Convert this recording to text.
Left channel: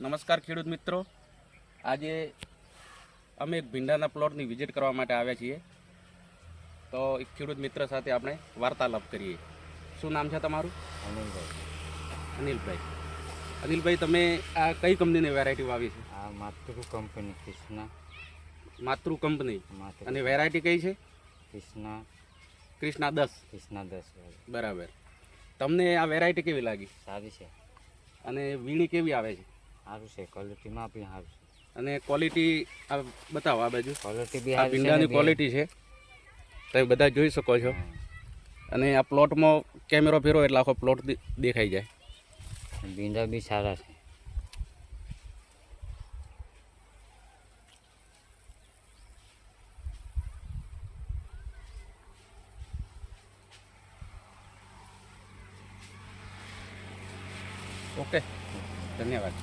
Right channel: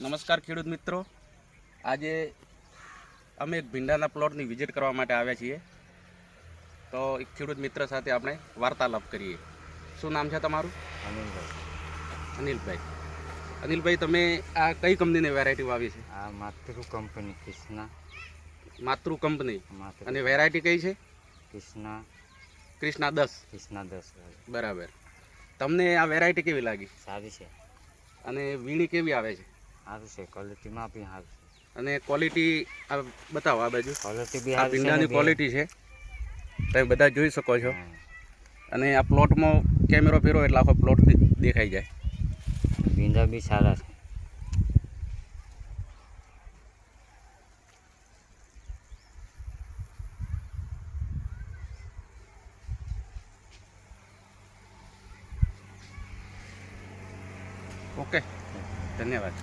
નમસ્કાર ખેડૂત મિત્રો. આજે અમે એક ભીંડાના પ્લોટની વિઝિટ કરવા માટે આવ્યા છીએ. તો એક ખેડૂત મિત્ર સાથે આપણે વાર્તાલાપ કરીએ. શું નામ છે તમારું? અનિલભાઈ. અનિલભાઈ. અનિલભાઈ તમે આ કઈ કંપનીની વેરાયટી વાવી છે? આ માતૃ કંપની કૃષ્ણા. માતૃ કંપની. અને વેરાયટી કઈ છે? કૃષ્ણા. ક્રિષ્ના દસ. કૃષ્ણા દસ. બરાબર. તમને આ વેરાયટી કેવી લાગી? સારી છે. અને વીણી કેવી આવે છે? સારું છે ક્વોલિટીમાં બી સારું છે. અને ક્વોલિટી આ બતાવો આ બાજુ. ક્વોલિટી બી આ ભીંડાની ક્વોલિટી છે. તમે બધા જોઈ શકો છો. અને આ પ્લોટમાં કેમેરો ફેરો એટલે આખો પ્લોટ દેખાઈ જાય. ભીંડા બી સારા છે. ઓકે ધન્યવાદ.